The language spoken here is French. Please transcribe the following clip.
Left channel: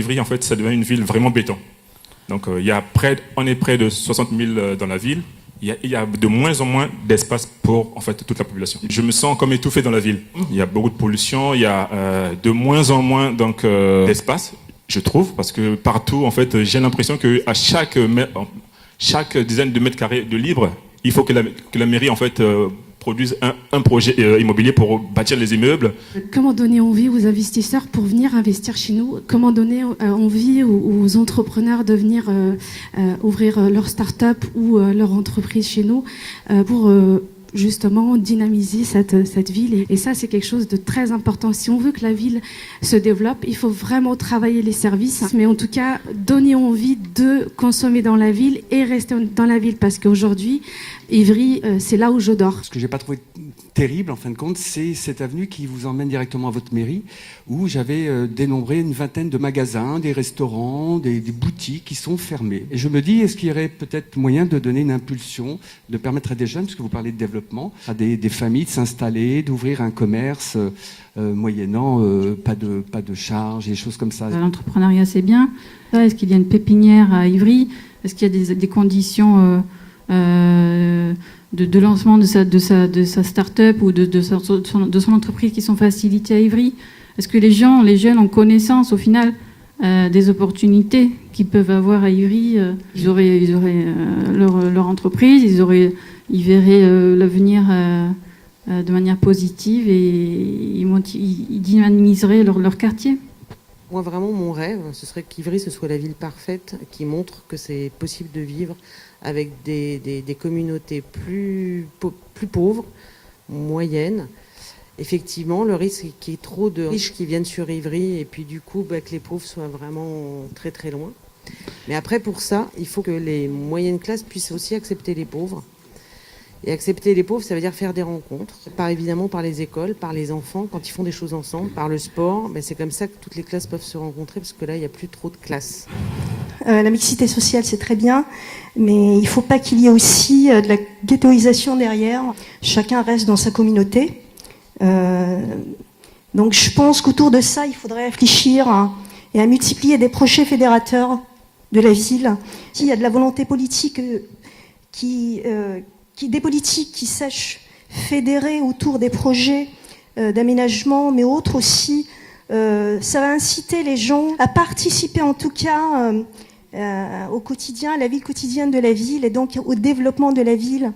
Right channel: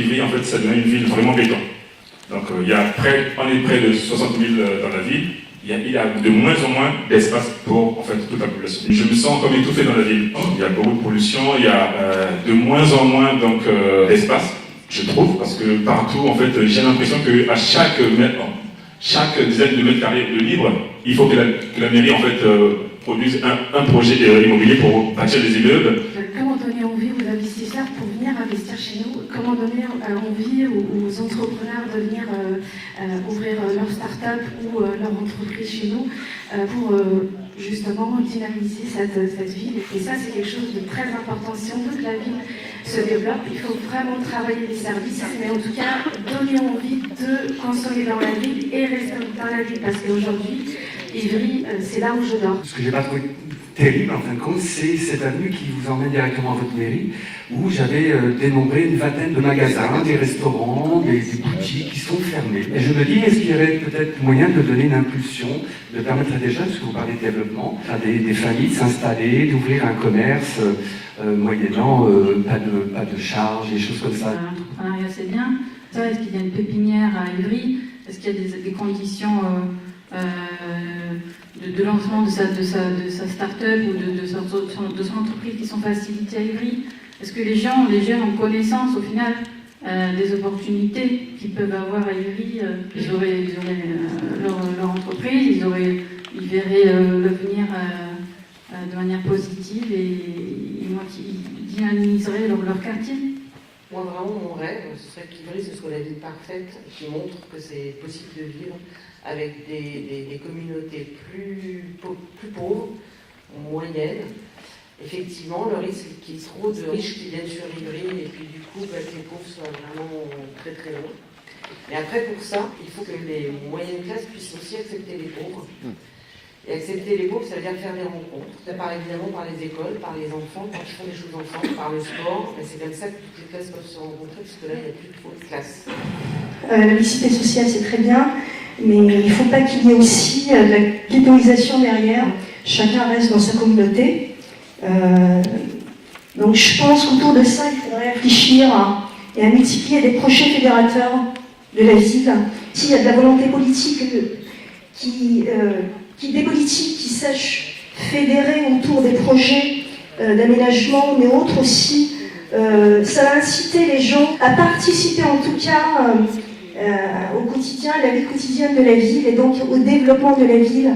qu'Ivry, en fait, ça devient une ville vraiment béton. Donc, on est près de 60 000 dans la ville. Il y a de moins en moins d'espace pour en fait, toute la population. Je me sens comme étouffé dans la ville. Il y a beaucoup de pollution, il y a de moins en moins d'espace, je trouve, parce que partout, en fait, j'ai l'impression qu'à chaque dizaine de mètres carrés de libre, il faut que la mairie en fait, produise un projet immobilier pour bâtir des immeubles. Comment donner envie aux investisseurs pour venir investir chez nous? Comment donner envie aux entrepreneurs de venir ouvrir leur start-up ou leur entreprise chez nous pour justement dynamiser cette ville. Et ça, c'est quelque chose de très important. Si on veut que la ville se développe, il faut vraiment travailler les services, mais en tout cas, donner envie de consommer dans la ville et rester dans la ville. Parce qu'aujourd'hui, Ivry, c'est là où je dors. Ce que j'ai pas trouvé terrible, en fin de compte, c'est cette avenue qui vous emmène directement à votre mairie, où j'avais dénombré une vingtaine de magasins, des restaurants, des boutiques qui sont fermés. Et je me dis, est-ce qu'il y aurait peut-être moyen de donner une impulsion, de permettre à des jeunes, parce que vous parlez de développement, à des familles de s'installer, d'ouvrir un commerce, moyennant pas de charges, des choses comme ça. L'entrepreneuriat, c'est bien. Est-ce qu'il y a une pépinière à Ivry? Est-ce qu'il y a des conditions de lancement de sa start-up ou de son entreprise qui sont facilitées à Ivry? Est-ce que les jeunes ont connaissance au final des opportunités qu'ils peuvent avoir à Ivry? Ils auraient leur entreprise, ils verraient l'avenir de manière positive et ils dynamiseraient leur quartier. Moi, vraiment, mon rêve, ce serait qu'Ivry, ce soit la ville parfaite qui montre que c'est possible de vivre avec des communautés plus pauvres, moyennes. Effectivement, le risque qu'il y ait trop de riches qui viennent sur Ivry et puis du coup que les pauvres soient vraiment très très loin. Mais après, pour ça, il faut que les moyennes classes puissent aussi accepter les pauvres. Et accepter les pauvres, ça veut dire faire des rencontres, évidemment par les écoles, par les enfants, quand ils font des choses ensemble, par le sport. C'est comme ça que toutes les classes peuvent se rencontrer, parce que là, il n'y a plus trop de classes. La mixité sociale, c'est très bien, mais il ne faut pas qu'il y ait aussi de la ghettoisation derrière. Chacun reste dans sa communauté. Donc je pense qu'autour de ça, il faudrait réfléchir et à multiplier des projets fédérateurs de la ville. S'il y a de la volonté politique des politiques qui sachent fédérer autour des projets d'aménagement, mais autres aussi, ça va inciter les gens à participer en tout cas au quotidien, à la vie quotidienne de la ville et donc au développement de la ville.